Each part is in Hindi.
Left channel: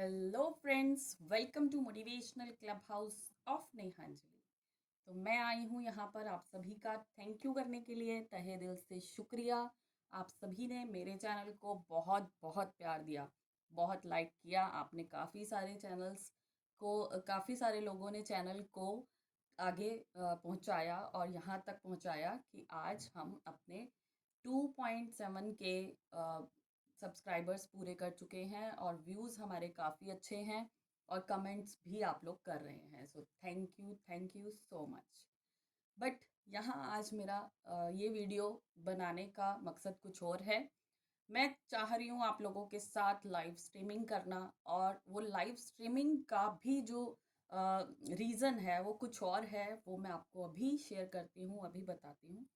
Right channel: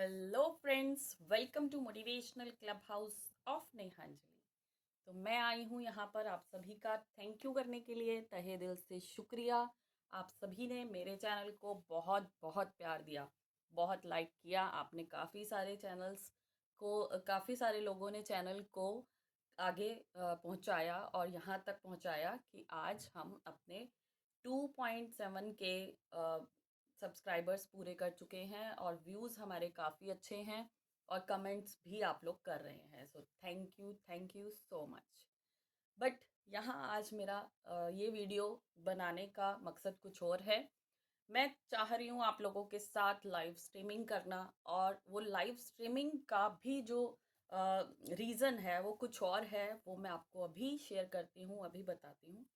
Hello friends, welcome to motivational club house of Nehanjali. तो मैं आई हूँ यहाँ पर आप सभी का थैंक यू करने के लिए। तहे दिल से शुक्रिया। आप सभी ने मेरे चैनल को बहुत बहुत प्यार दिया, बहुत लाइक किया आपने। काफ़ी सारे लोगों ने चैनल को आगे पहुँचाया और यहाँ तक पहुँचाया कि आज हम अपने 2.7 के सब्सक्राइबर्स पूरे कर चुके हैं और व्यूज़ हमारे काफ़ी अच्छे हैं और कमेंट्स भी आप लोग कर रहे हैं। सो thank you so much. But यहाँ आज मेरा ये वीडियो बनाने का मकसद कुछ और है। मैं चाह रही हूँ आप लोगों के साथ लाइव स्ट्रीमिंग करना, और वो लाइव स्ट्रीमिंग का भी जो रीज़न है वो कुछ और है। वो मैं आपको अभी शेयर करती हूँ, अभी बताती हूँ।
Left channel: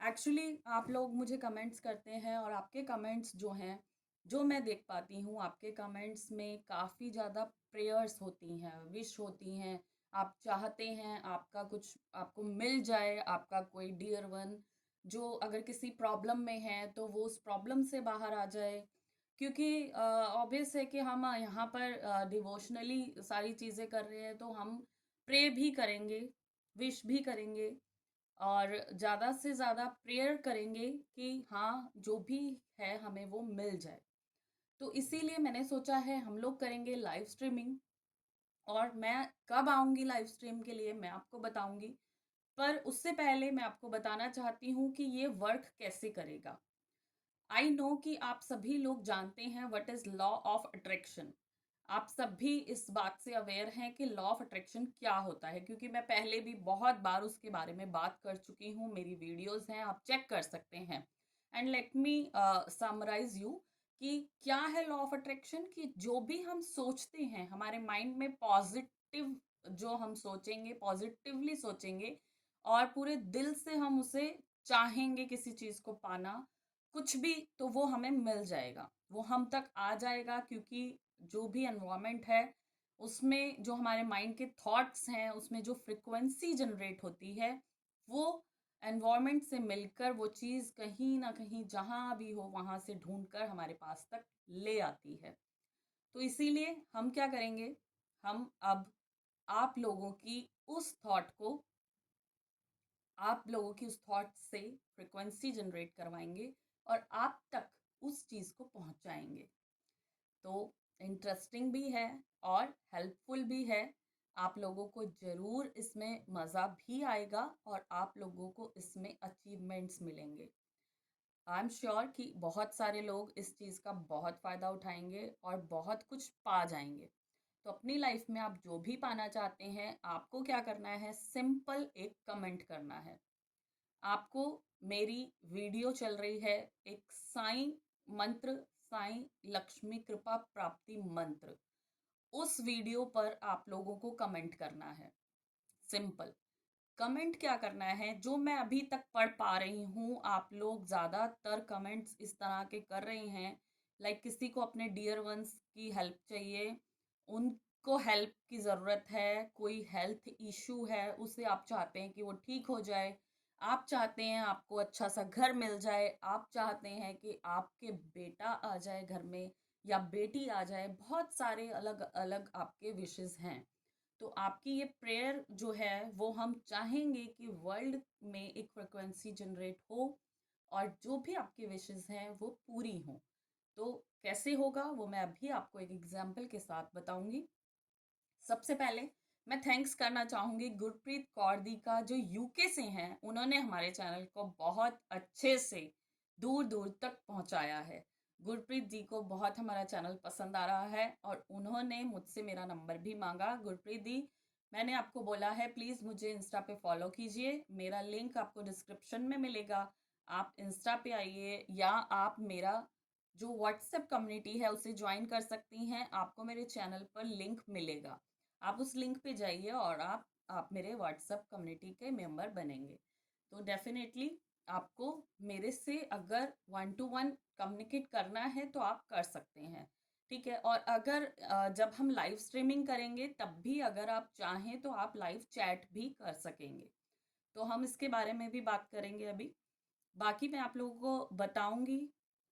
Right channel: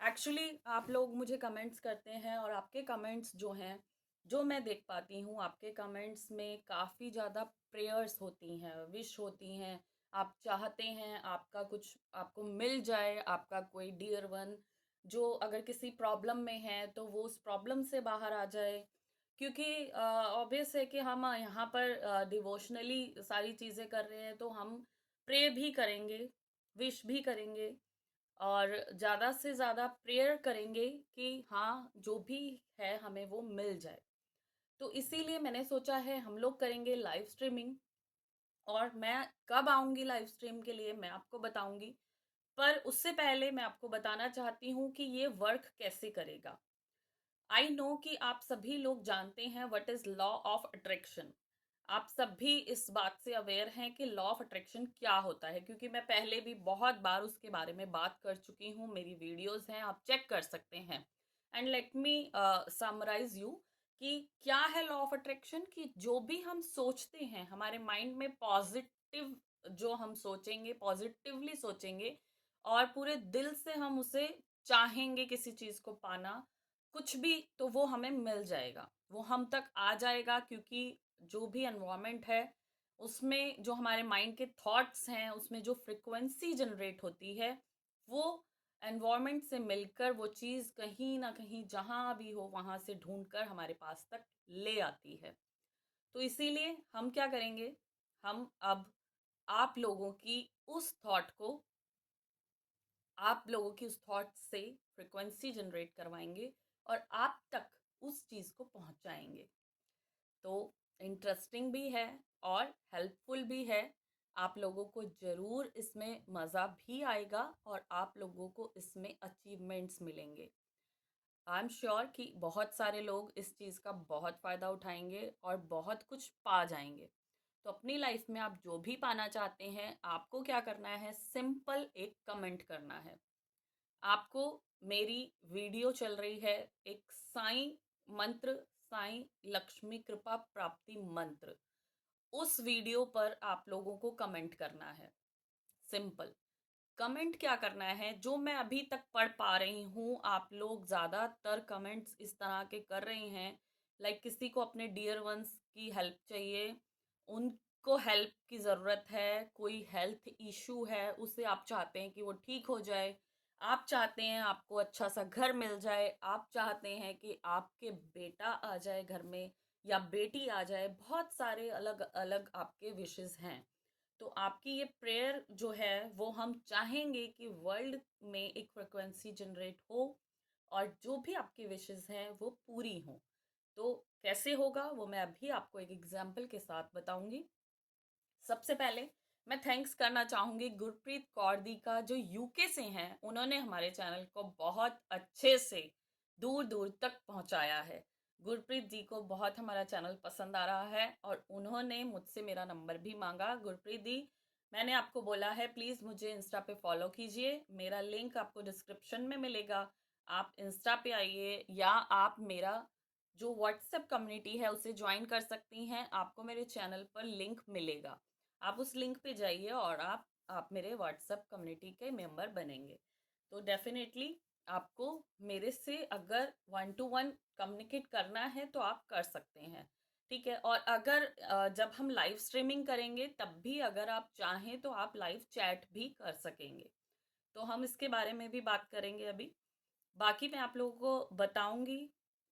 एक्चुअली आप लोग मुझे कमेंट्स करते हैं और आपके कमेंट्स जो हैं, जो मैं देख पाती हूँ, आपके कमेंट्स में काफ़ी ज़्यादा प्रेयर्स होती हैं, विश होती हैं। आप चाहते हैं आपका कुछ आपको मिल जाए, आपका कोई डियर वन जो अगर किसी प्रॉब्लम में है तो वो उस प्रॉब्लम से बाहर आ जाए। क्योंकि ऑब्वियस है कि हम यहाँ पर डिवोशनली सारी चीज़ें कर रहे हैं, तो हम प्रे भी करेंगे, विश भी करेंगे और ज़्यादा से ज़्यादा प्रेयर करेंगे कि हाँ, जो भी है हमें वो मिल जाए। तो इसीलिए मैंने सोचा है हम लोग करेंगे लाइव स्ट्रीमिंग। और मैं कब आऊँगी लाइव स्ट्रीम के लिए मैं आपको बताऊँगी। पर उससे पहले मैं आपको बताना चाहती हूँ कि ये वर्क कैसे करेगा। आई नो कि आप सभी लोग जानते हैं what is law of attraction. आप सभी इस बात से अवेयर हैं कि लॉ ऑफ अट्रैक्शन क्या होता है, क्योंकि मैं पहले भी बहुत बार उसके बारे में बात कर चुकी हूँ। मेरी वीडियोस हैं, आप चेक कर सकते हैं। And let me summarize you कि क्या है लॉ ऑफ अट्रैक्शन। कि जो भी हम सोचते हैं हमारे माइंड में पॉजिटिव, जो हम सोचेंगे पॉजिटिवली सोचेंगे और पूरे दिल से हम उसे चाहेंगे किसी चीज को पाना, कुछ भी, तो वो हमें मिल जाएगा, वो हम तक आ जाएगा। क्योंकि जो भी एनवायरनमेंट है उसमें जो हमारे माइंड के थॉट्स हैं, उसमें जो फ्रिक्वेंसी जनरेट होती है, वो एनवायरनमेंट से मिलकर वो चीज़ कहीं ना कहीं जहाँ भी हो वहाँ से ढूंढकर हमारे पास तक ले आती है। तो इसीलिए हम क्या करेंगे, हम अब आप लोगों की उस थॉट को आप लोगों की उस थॉट से फ्रिक्वेंसी जनरेट करवाएंगे और आप तक उस चीज़ को पहुंचाएंगे। तो इंटरेस्टिंग भी है और हेल्पफुल भी है। आप लोगों को ज़रूर इसमें मज़ा भी आएगा और आप लोगों को इसमें अचीवमेंट्स मिलेंगे। आई एम श्योर कि बहुत सारे लोग इस चीज़ का बहुत फ़ायदा उठाएंगे और बहुत कुछ पा जाएंगे। तो अपनी लाइफ में आप जो भी पाना चाहते हैं, आपको क्या करना है, सिंपल एक कमेंट करना है। आपको मेरी वीडियो चल रही है, एक साईं मंत्र, साईं लक्ष्मी कृपा प्राप्ति मंत्र, उस वीडियो पर आप लोगों को कमेंट करना है। सिंपल कमेंट क्या करना है, जो मैं अभी तक पढ़ पा रही हूँ, आप लोग ज़्यादातर कमेंट्स इस तरह के कर रहे हैं। लाइक किसी को अपने डियर वंस की हेल्प चाहिए, उनको हेल्प की ज़रूरत है, कोई हेल्थ इशू है, उसे आप चाहते हैं कि वो ठीक हो जाए। आप चाहते हैं आपको अच्छा सा घर मिल जाए, आप चाहते हैं कि आपके बेटा आ जाए घर में या बेटी आ जाए। बहुत सारे अलग अलग आपके विशेस हैं। तो आपकी ये प्रेयर जो है वो हम चाहेंगे कि वर्ल्ड में एक फ्रिक्वेंसी जनरेट हो और जो भी आपकी विशेस हैं वो पूरी हों। तो कैसे होगा वो मैं अभी आपको एक एग्जांपल के साथ बताऊंगी। सबसे पहले मैं थैंक्स करना चाहूंगी गुरप्रीत कौर दी का, जो यूके से हैं। उन्होंने हमारे चैनल को बहुत अच्छे से दूर दूर तक पहुंचाया है। गुरप्रीत जी को बहुत हमारा चैनल पसंद आ रहा है और उन्होंने मुझसे मेरा नंबर भी मांगा। गुरप्रीत दी, मैंने आपको बोला है प्लीज़ मुझे इंस्टा पे फॉलो कीजिए, मेरा लिंक आपको डिस्क्रिप्शन में मिलेगा। आप इंस्टा पे आइए या आप मेरा जो व्हाट्सएप कम्युनिटी है उसे ज्वाइन कर सकती हैं। आपको मेरे चैनल पर लिंक मिलेगा, आप उस लिंक पे जाइए और आप मेरे व्हाट्सएप कम्युनिटी के मेंबर बनेंगे। तो डेफिनेटली आपको मेरे से अगर वन टू वन कम्युनिकेट करना है तो आप कर सकते हैं। ठीक है, और अगर जब हम लाइव स्ट्रीमिंग करेंगे तब भी अगर आप चाहें तो आप लाइव चैट भी कर सकेंगे। तो हम इसके बारे में भी बात करेंगे अभी। बाकी मैं आप लोगों को बताऊंगी,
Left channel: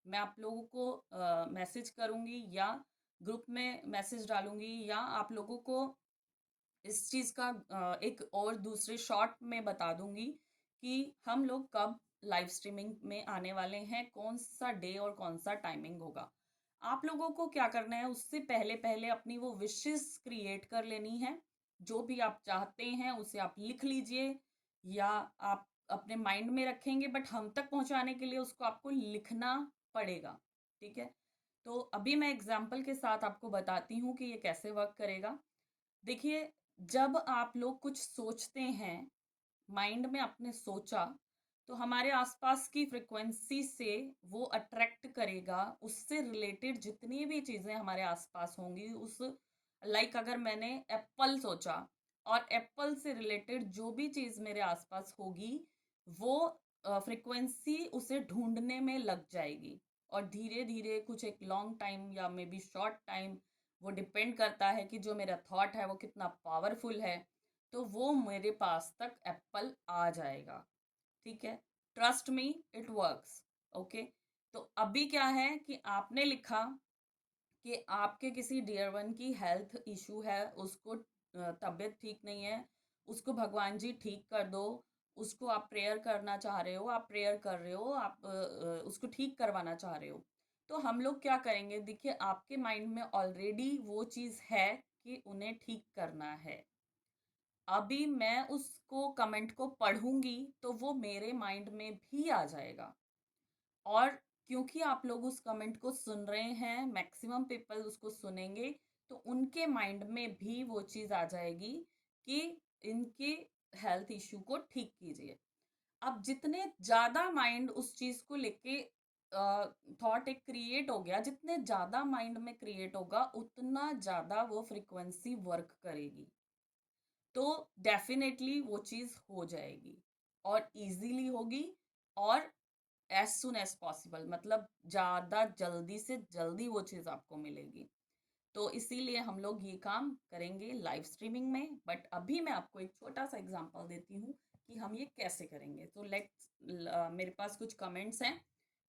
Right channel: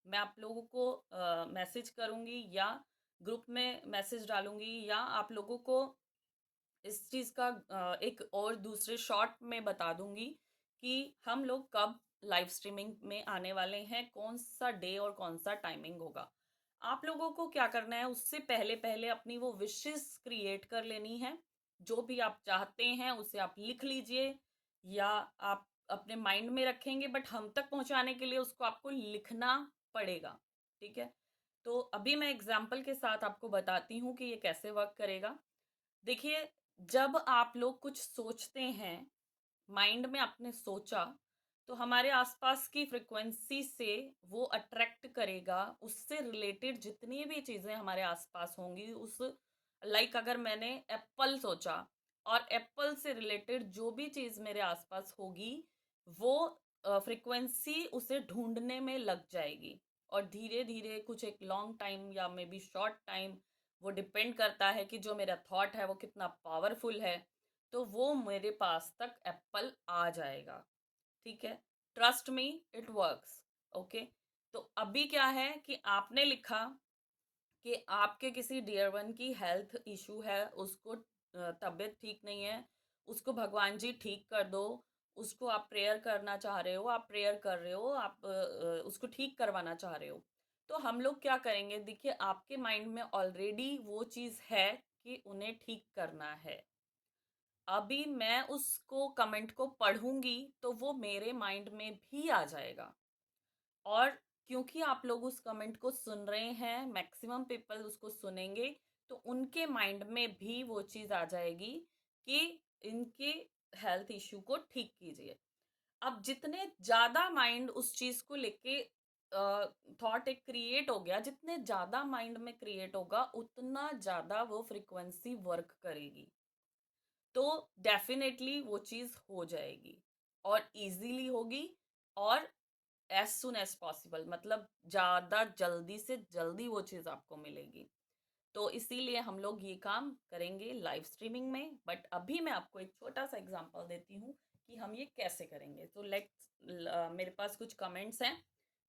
मैं आप लोगों को मैसेज करूंगी या ग्रुप में मैसेज डालूंगी, या आप लोगों को इस चीज़ का एक और दूसरे शॉर्ट में बता दूंगी कि हम लोग कब लाइव स्ट्रीमिंग में आने वाले हैं, कौन सा डे और कौन सा टाइमिंग होगा। आप लोगों को क्या करना है, उससे पहले पहले अपनी वो विशेस क्रिएट कर लेनी है। जो भी आप चाहते हैं उसे आप लिख लीजिए, या आप अपने माइंड में रखेंगे, बट हम तक पहुंचाने के लिए उसको आपको लिखना पड़ेगा। ठीक है, तो अभी मैं एग्जाम्पल के साथ आपको बताती हूँ कि ये कैसे वर्क करेगा। देखिए, जब आप लोग कुछ सोचते हैं, माइंड में आपने सोचा, तो हमारे आसपास की फ्रिक्वेंसी से वो अट्रैक्ट करेगा उससे रिलेटेड जितनी भी चीजें हमारे आसपास होंगी। उस लाइक अगर मैंने एप्पल सोचा, और एप्पल से रिलेटेड जो भी चीज मेरे आसपास होगी, वो फ्रिक्वेंसी उसे ढूंढने में लग जाएगी। और धीरे धीरे कुछ एक लॉन्ग टाइम या मे बी शॉर्ट टाइम, वो डिपेंड करता है कि जो मेरा थॉट है वो कितना पावरफुल है, तो वो मेरे पास तक एप्पल आ जाएगा। ठीक है, trust me, it works. Okay, तो अभी क्या है कि आपने लिखा कि आपके किसी डियर वन की हेल्थ इशू है, उसको तबीयत ठीक नहीं है, उसको भगवान जी ठीक कर दो, उसको आप प्रेयर करना चाह रहे हो, आप प्रेयर कर रहे हो, आप उसको ठीक करवाना चाह रहे हो। तो हम लोग क्या करेंगे, देखिए आपके माइंड में ऑलरेडी वो चीज़ है कि उन्हें ठीक करना है। अभी मैं उसको कमेंट को पढ़ूंगी तो वो मेरे माइंड में भी आ जाएगा। और क्योंकि आप लोग उस कमेंट को सुन रहे हैं, मैक्सिमम पीपल उसको सुनेंगे, तो उनके माइंड में भी वो चीज़ आ जाएगी कि इनके हेल्थ इश्यू को ठीक कीजिए। अब जितने ज़्यादा माइंड उस चीज़ को लेके थॉट एक क्रिएट हो गया, जितने ज़्यादा माइंड में क्रिएट होगा उतना ज़्यादा वो फ्रीक्वेंसी वर्क करेगी। तो डेफिनेटली वो चीज़ हो जाएगी, और इजीली होगी, और एज सुन एज पॉसिबल, मतलब ज़्यादा जल्दी से जल्दी वो चीज़ आपको मिलेगी। तो इसीलिए हम लोग ये काम करेंगे लाइव स्ट्रीमिंग में। बट अभी मैं आपको एक छोटा सा एग्जांपल देती हूँ कि हम ये कैसे करेंगे। तो लेट्स, मेरे पास कुछ कमेंट्स हैं,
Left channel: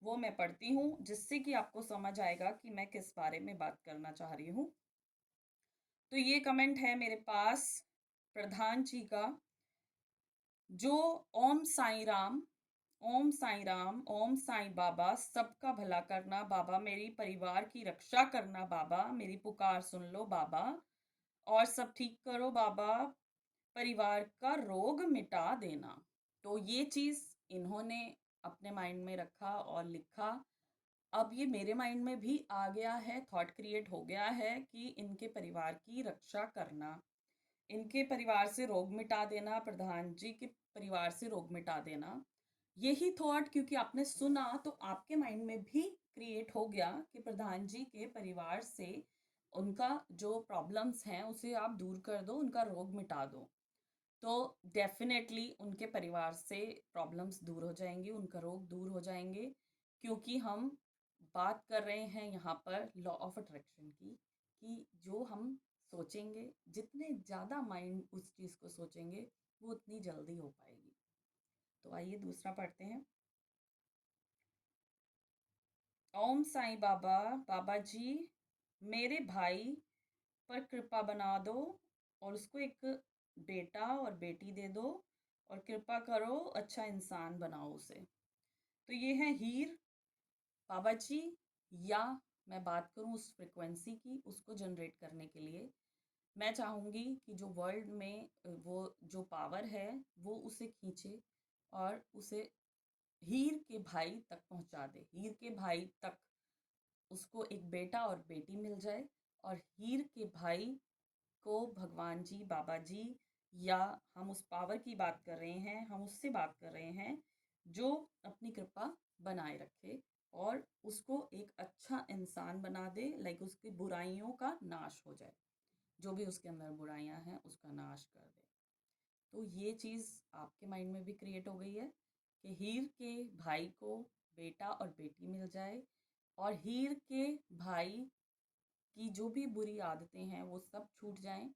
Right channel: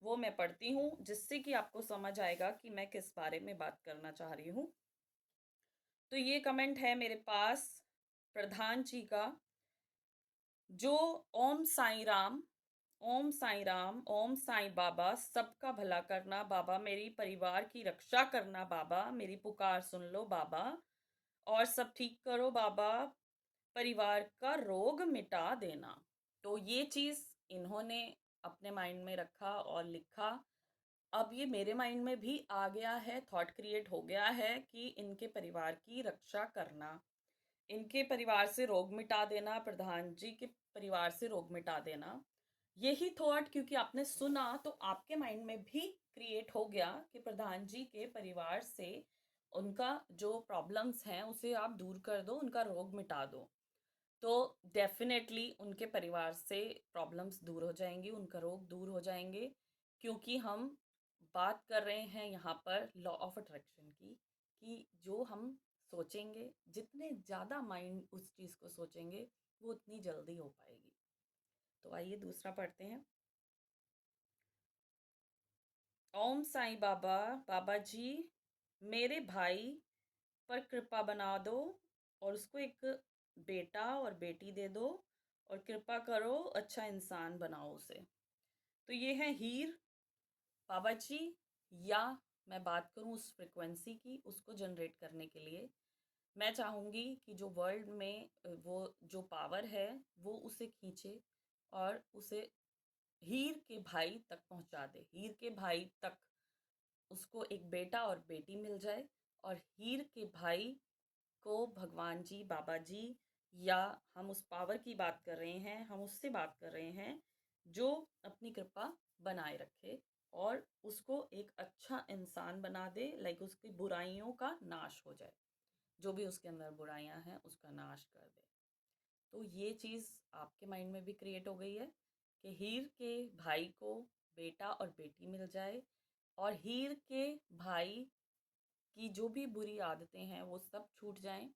वो मैं पढ़ती हूँ, जिससे कि आपको समझ आएगा कि मैं किस बारे में बात करना चाह रही हूँ। तो ये कमेंट है मेरे पास प्रधान जी का, जो ओम साई राम, ओम साई राम, ओम साई बाबा, सबका भला करना बाबा, मेरी परिवार की रक्षा करना बाबा, मेरी पुकार सुन लो बाबा, और सब ठीक करो बाबा, परिवार का रोग मिटा देना। तो ये चीज इन्होंने अपने माइंड में रखा और लिखा। अब ये मेरे माइंड में भी आ गया है, थॉट क्रिएट हो गया है कि इनके परिवार की रक्षा करना, इनके परिवार से रोग मिटा देना, प्रधान जी के परिवार से रोग मिटा देना। यही थॉट क्योंकि आपने सुना, तो आपके माइंड में भी क्रिएट हो गया कि प्रधान जी के परिवार से उनका जो प्रॉब्लम्स हैं उसे आप दूर कर दो, उनका रोग मिटा दो। तो डेफिनेटली उनके परिवार से प्रॉब्लम्स दूर हो जाएंगी, उनका रोग दूर हो जाएंगे। क्योंकि हम बात कर रहे हैं यहाँ पर लॉ ऑफ अट्रैक्शन की, कि जो हम सोचेंगे, जितने ज़्यादा माइंड उस चीज़ को सोचेंगे, वो उतनी जल्दी हो पाएगी। तो आइए दूसरा पढ़ते हैं। ओम साईं बाबा, बाबा जी मेरे भाई पर कृपा बना दो, और उसको एक बेटा और बेटी दे दो, और कृपा करो अच्छा इंसान बनाओ उसे। तो ये है हीर बाबा जी। या मैं बात करूं उस फ्रिक्वेंसी की, उसको जनरेट करने के लिए मैं चाहूँगी कि जो वर्ल्ड में वो जो पावर है वो उसे खींचे, और उसे हीर के भाई तक पहुंचा दे, हीर के भाई तक उसको एक बेटा और बेटी मिल जाए। और हीर के भाई को भगवान जी, बाबा जी, या हम उस पावर की बात कर रहे हैं, हम उससे बात कर रहे हैं जो अपनी कृपा बनाए रखे और उसको एक अच्छा इंसान बना दे, लाइक उसकी बुराइयों का नाश हो जाए, जो भी उसके अंदर बुराइयां हैं उसका नाश कर दे। तो ये चीज़ आपके माइंड में भी क्रिएट हो गई है कि हीर के भाई को बेटा और बेटी मिल जाए, और हीर के भाई की जो भी बुरी आदतें हैं वो सब छूट जाएं।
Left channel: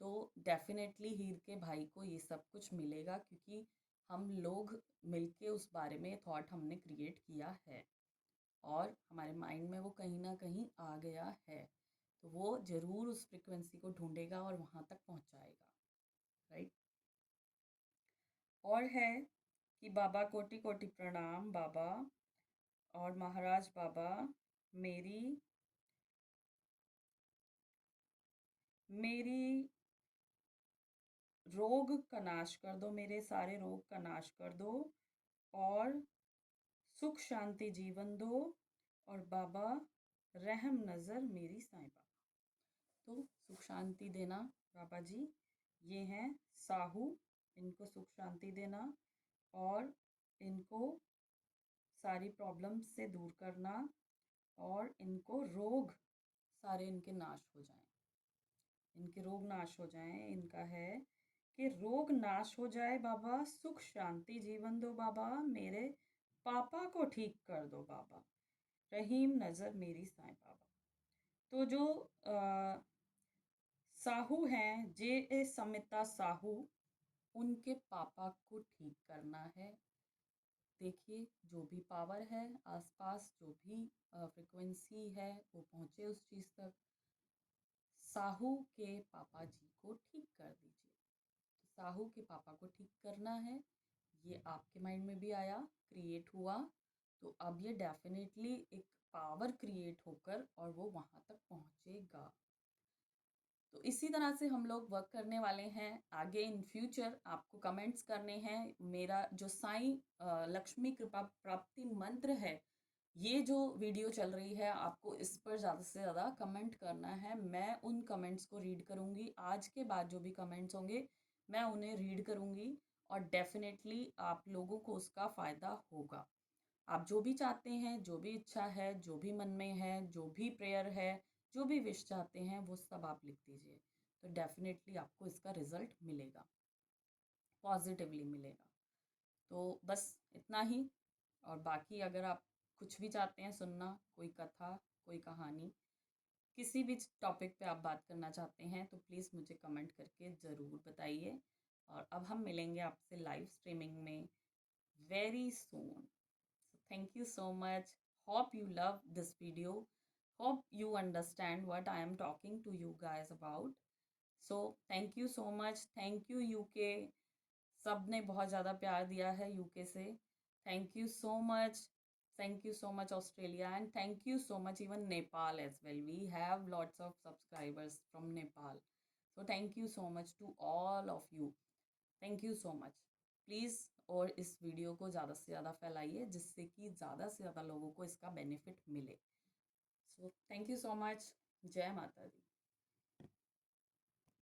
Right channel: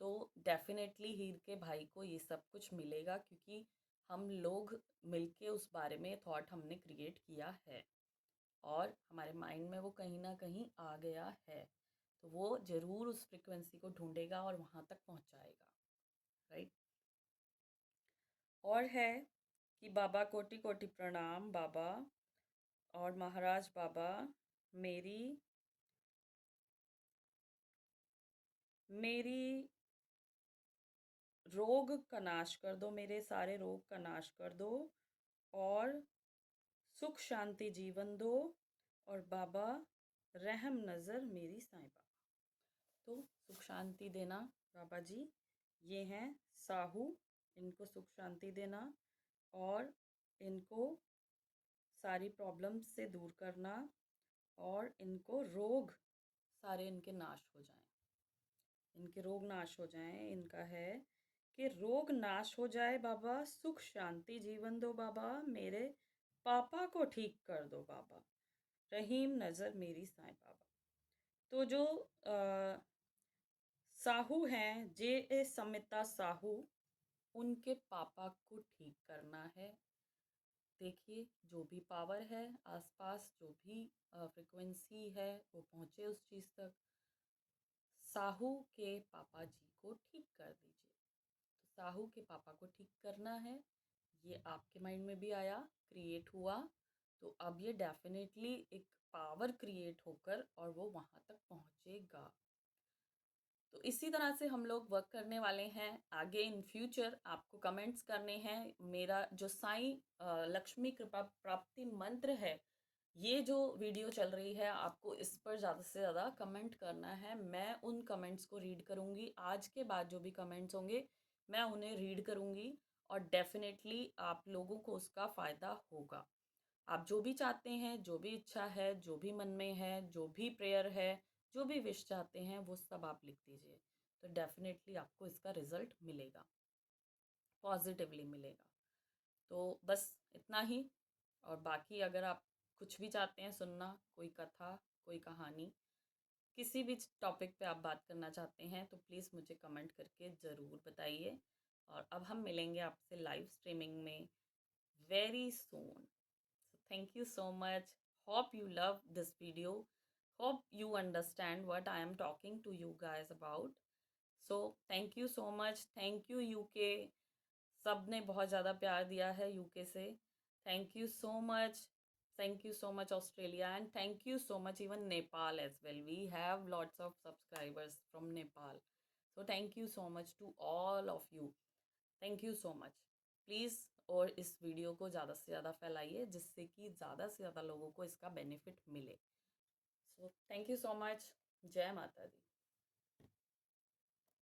तो डेफिनेटली हीर के भाई को ये सब कुछ मिलेगा, क्योंकि हम लोग मिलके उस बारे में थॉट हमने क्रिएट किया है, और हमारे माइंड में वो कहीं ना कहीं आ गया है। तो वो ज़रूर उस फ्रिक्वेंसी को ढूंढेगा और वहाँ तक पहुँचाएगा, राइट। और है कि बाबा कोटि कोटि प्रणाम बाबा और महाराज बाबा, मेरी मेरी रोग का नाश कर दो, मेरे सारे रोग का नाश कर दो और सुख शांति जीवन दो, और बाबा रहम नज़र मेरी साईं बाबा। तो सुख शांति देना बाबा जी, ये हैं साहू, इनको सुख शांति देना और इनको सारी प्रॉब्लम्स से दूर करना और इनको रोग सारे इनके नाश हो जाएं, इनके रोग नाश हो जाएं। इनका है कि रोग नाश हो जाए बाबा, सुख शांति जीवन दो बाबा, मेरे पापा को ठीक कर दो बाबा, रहीम नज़र मेरी साईं बाबा। तो जो साहू हैं, जे ए समिता साहू, उनके पापा को ठीक करना है। देखिए, जो भी पावर है आसपास, जो भी फ्रिक्वेंसी है, वो पहुँचे उस चीज़ तक। साहू के पापा जी को ठीक कर दीजिए। तो साहू के पापा को ठीक करना है, ये आपके माइंड में भी आया, क्रिएट हुआ, तो अब ये डेफिनेटली एक पावर क्रिएट होकर और वो वहाँ तक पहुँचेगा। तो इसी तरह से हम लोग वर्क करने वाले हैं आगे इन फ्यूचर। आपको कमेंट्स करने हैं। मेरा जो साईं लक्ष्मी कृपा प्राप्ति मंत्र है, ये जो वीडियो चल रही है, आपको इस पर ज़्यादा से ज़्यादा कमेंट करना है। मैं उन कमेंट्स को रीड करूँगी, आज के बाद जो भी कमेंट्स होंगे मैं उन्हें रीड करूँगी और डेफिनेटली आप लोगों को उसका फ़ायदा होगा। आप जो भी चाहते हैं, जो भी इच्छा है, जो भी मन में है, जो भी प्रेयर है, जो भी विश चाहते हैं, वो सब आप लिख दीजिए। तो डेफिनेटली आपको इसका रिजल्ट मिलेगा, पॉजिटिवली मिलेगा। तो बस इतना ही। और बाकी अगर आप कुछ भी चाहते हैं सुनना, कोई कथा, कोई कहानी, किसी भी टॉपिक पे आप बात करना चाहते हैं, तो प्लीज़ मुझे कमेंट करके ज़रूर बताइए। और अब हम मिलेंगे आपसे लाइव स्ट्रीमिंग में very soon. Thank you so much. Hope you love this video. Hope you understand what I am talking to you guys about. So thank you so much. Thank you UK. सब ने बहुत ज़्यादा प्यार दिया है यूके से। Thank you so much. Thank you so much Australia, and thank you so much even Nepal as well. We have lots of subscribers from Nepal. So thank you so much to all of you. Thank you so much. Please और इस वीडियो को ज़्यादा से ज़्यादा फैलाइए, जिससे कि ज़्यादा से ज़्यादा लोगों को इसका बेनिफिट मिले। सो थैंक यू सो मच। जय माता दी।